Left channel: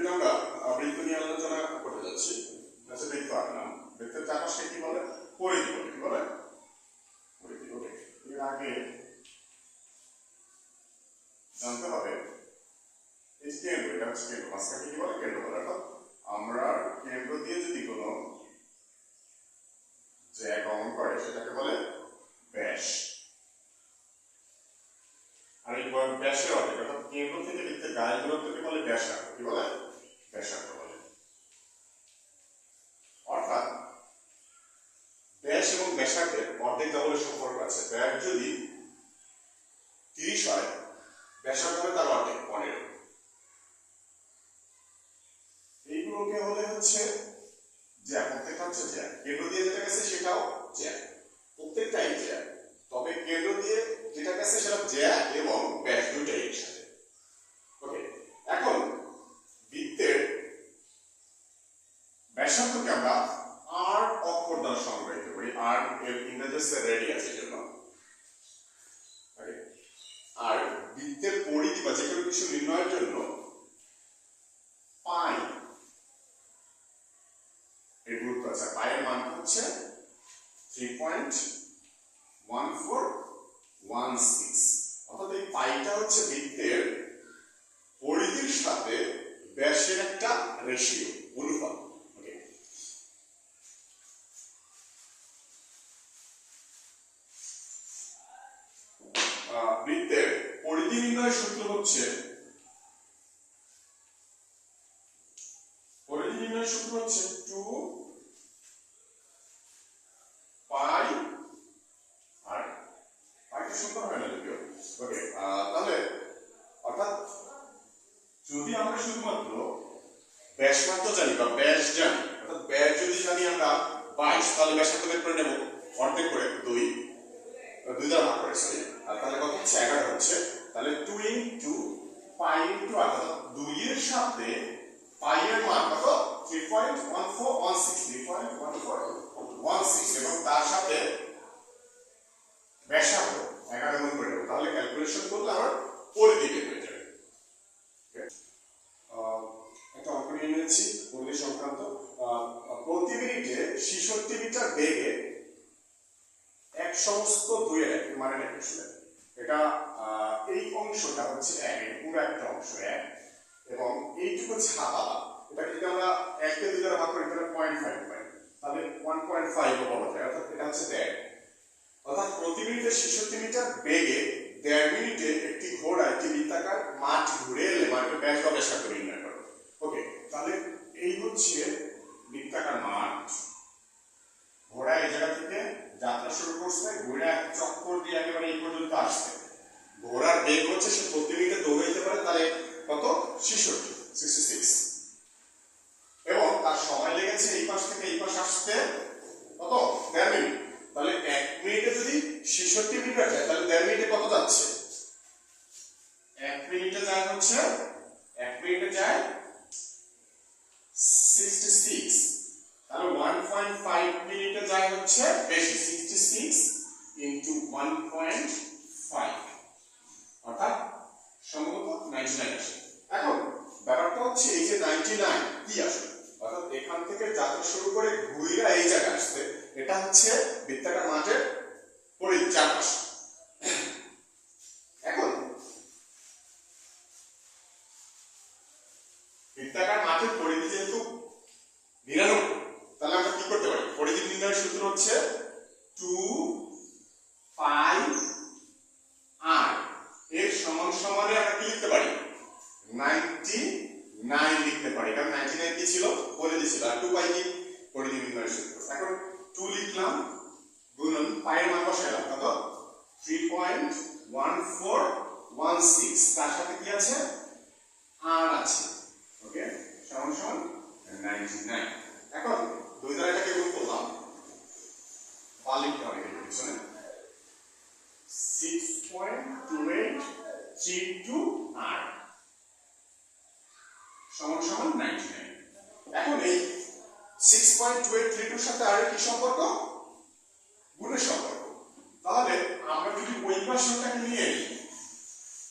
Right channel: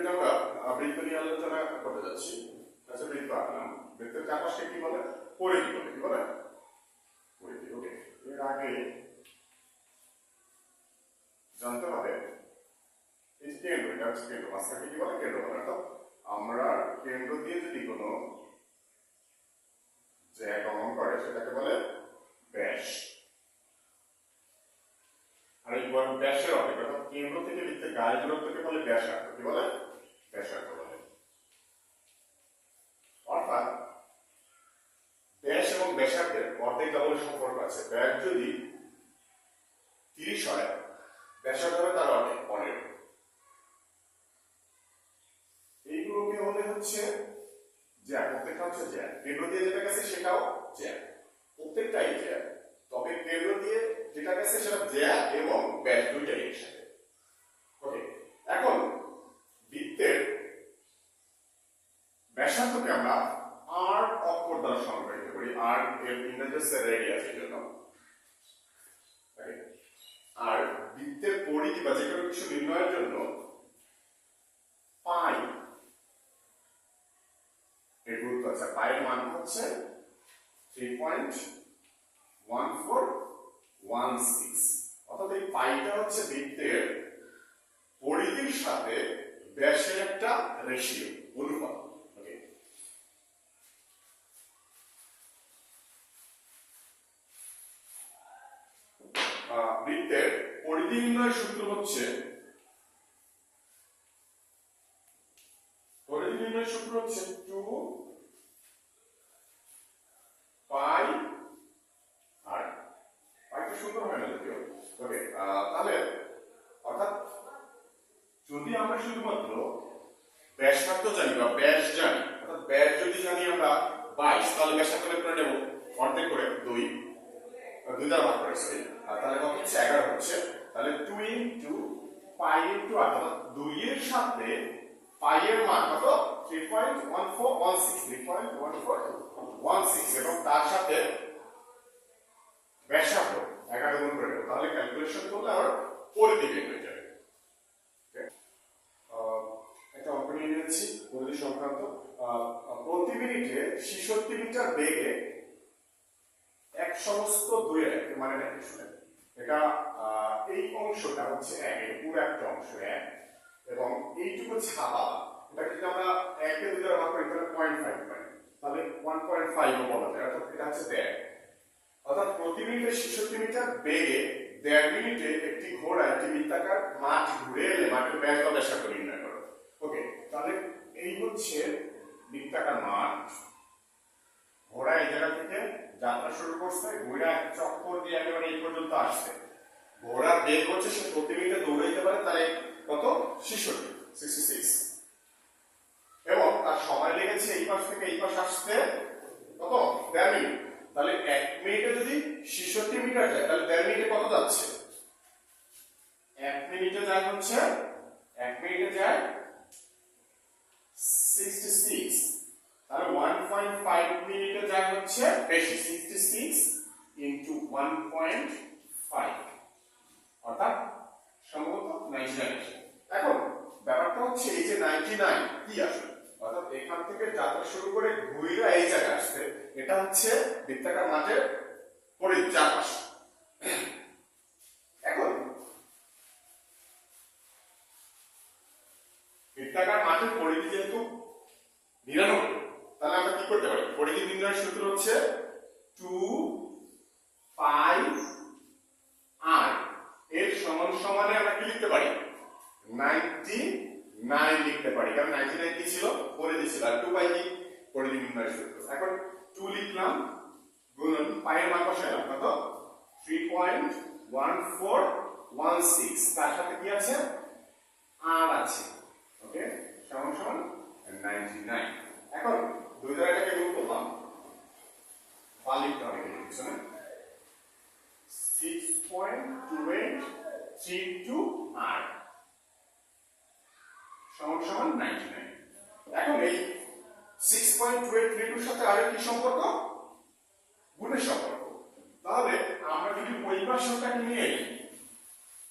ভিডিওতে আমরা বৃত্ত নিয়ে আলোচনা করতে যাচ্ছি। আচ্ছা, বৃত্ত আঁকলাম, বৃত্তের চারপাশে কি বলে? পরিধি বলে। কি বলে? পরিধি। ওকে, এর আগে জানতে হবে এই কেন্দ্র, এটা হচ্ছে কেন্দ্র, মাঝখানে কি বলে? কেন্দ্র বলে। অর্থাৎ আমরা কেন্দ্র দিয়ে যদি কোনো জ্যা গমন করে সেটাকে বলে ব্যাস। আর এই ব্যাসের অর্থ অর্থাৎ কেন্দ্র থেকে বৃত্তের গায়ের দূরত্বকে বলে ব্যাসার্ধ। কি বলে? ব্যাসার্ধ বলে। অর্থাৎ ব্যাস এবং ব্যাসার্ধের অর্ধেক ডবলের সম্পর্ক আছে। ব্যাস যদি 30 হয়, ব্যাসার্ধ হবে তার অর্ধেক 15। এইগুলোকে হলে হচ্ছে জ্যা, প্রত্যেকটা হচ্ছে জ্যা। কেন্দ্র দিয়ে যেটা গেছে সেটাও জ্যা, প্রত্যেকটাই জ্যা। তবে কেন্দ্র দিয়ে যেটা গেছে সেটা জ্যা এবং ব্যাস দুইটাই একসাথে। ওকে, এখন বৃত্তের ব্যাসার্ধকে আমরা আর অক্ষর দ্বারা সংজ্ঞায়িত করি। আর এর ইংরেজি হচ্ছে রেডিয়াস এর জন্য। আর বৃত্তের পরিধি বা যে কোনো কিছু নির্ণয়ের জন্য পাই এর গুরুত্ব আছে। পায়ের মান হচ্ছে 3.1416। অর্থাৎ এই পাইটা হচ্ছে বৃত্তের পরিধির সাথে ব্যাসের একটা রেশিও, অনুপাত। বৃত্তের পরিধি নির্ণয়ের সূত্র হচ্ছে, পরিধি নির্ণয়ের সূত্র হচ্ছে 2 পাই আর পাইটা সূত্র হয় না যদিও। ওকে, তাহলে অর্থাৎ যদি আমরা শুধুমাত্র ব্যাসার্ধ জানি বা ব্যাস জানি, অর্থাৎ ব্যাস যদি জানি আমরা 22, তাহলে ব্যাসার্ধ করে নেব অর্ধেক করে 2 দ্বারা ভাগ করে। আর তাহলে কত হচ্ছে? 11 হচ্ছে। তাহলে 2 ইনটু পাই ইনটু 8, অর্থাৎ 2 এর সাথে পাই এর মান কত? 3.1416 এবং তার সাথে ব্যাসার্ধ 11 গুণ করে দেব। তাহলে ক্যালকুলেশন করলে আমার পরিধি বের হয়ে যাবে। একটা অঙ্ক নিয়ে নিয়েছি পরিধি সংক্রান্ত। প্রতি মিনিটে 66 মিটার বেগে এক সমস্ত 2 এর মানে দেখে শুনে, এটা এই অংশটা হচ্ছে 1, এর পুরো একটা অংশ 1 এবং এইটুকু হচ্ছে হাতা। এটাকে যদি আমরা 1 কে 2 দ্বারা ভাগ করি তাহলে 0.5 পাই, তাহলে 1.5 ও বলা যায়। অর্থাৎ এটা হচ্ছে 1.5। অর্থাৎ প্রতি মিনিটে 66 মিটার বেগে 1.5 মিনিটে একটি ঘোড়া একটি বৃত্তাকার মাঠ ঘুরে এলে মাঠের ব্যাস বা ব্যাসার্ধ নির্ণয় করো। ওকে, তাহলে এই হচ্ছে বৃত্তাকার মাঠ। ঘোড়া এই জায়গা থেকে যাত্রা শুরু করছে, ঘোড়া চক্কর দিয়ে একেবারে এই পর্যন্ত আসছে। ঘোড়ার বেগ হচ্ছে সে প্রতি মিনিটে দৌড়াইতে পারে তাহলে কত? 66 এবং তার সময় লেগেছে এই পাশ থেকে এই পাশ আসতে কত? 1.5 মিনিট। তাহলে 1 মিনিটে যদি 66 মিটার যায় তাহলে 1.5 মিনিটে কত যাচ্ছে? 1 মিনিটে যায় হচ্ছে 1 মিনিটে যায় 66। তাহলে 1.5 মিনিটে যায় হচ্ছে বেশি, 66 ইনটু 1.5 অর্থাৎ সম্ভবত 99 আসে। এখন ব্যাপারটা হচ্ছে এই যে 99 কি আসে? অর্থাৎ এখান থেকে যাত্রা শুরু করে ঘুরে এই জায়গায় আসছে, এটা হচ্ছে বৃত্তাকার মাঠের পরিধি চারপাশ। এখন বৃত্তাকার মাঠের পরিধি যেহেতু 99, তাহলে আমরা কি করতে পারি? পরিধি নির্ণয়ের সূত্র হচ্ছে 2 পাই আর এর সমান সমানে আমরা কি লিখতে পারি? 99 লিখতে পারি, কারণ 99 কি ছিল? পরিধি ছিল। আর 2 পাই কি? পরিধি নির্ণয়ের সূত্র। এখন 2 লিখলাম গুণন পাই এর মান বসাইলাম কত? 3.1416, তার সাথে কি আছে? আর আছে। ওকে, সমান সমান 99। এখন 2 দ্বারা এটাকে গুণ করলাম, পার লিখতে হবে এর পিছনে 6.2832 আর সমান সমান 99। এখন এই 6.2832 এর সাথে আর কি সম্পর্ক? গুণের সম্পর্ক। তাহলে আমরা যদি ওই পাশটাকে নিয়ে নিই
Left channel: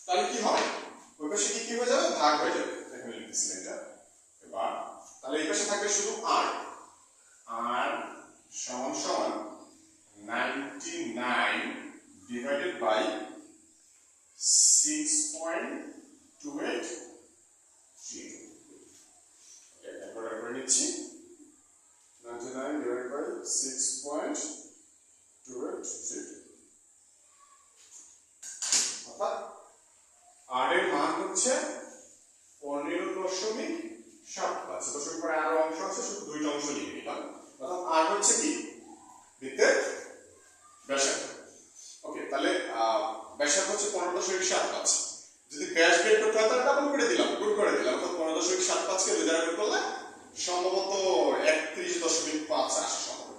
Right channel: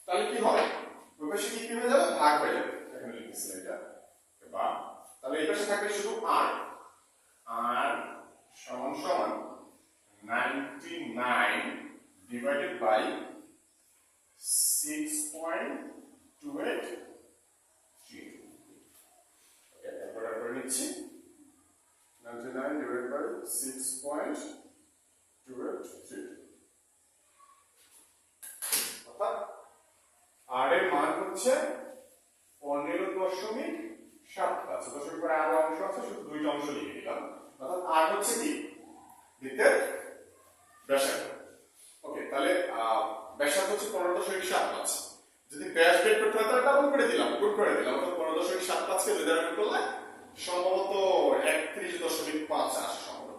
তাহলে কি হবে? ওই পাশে কি হয়ে যাবে? ভাগ হয়ে যাবে। এখানে লিখতেছি এটা 6.283 ক্যালকুলেটর করে নিচ্ছি 99 ডিভাইড বাই 6.283 অর্থাৎ আর এর মান হচ্ছে 15.75 দশমিক পরে আরো অংশ আছে শুধু দুইটা অংশ লিখে দিলাম অর্থাৎ আর হচ্ছে কি বৃত্তের ব্যাসার্ধ ওকে তাহলে ব্যাসার্ধ হচ্ছে 15.75 যদি ব্যাস বের করতে হয় তাহলে ডাবল করে দিলাম গুণ করে দিলাম অর্থাৎ 15.75 কে 2 দ্বারা গুণ করলে সম্ভবত 31.5 আসে সম্ভবত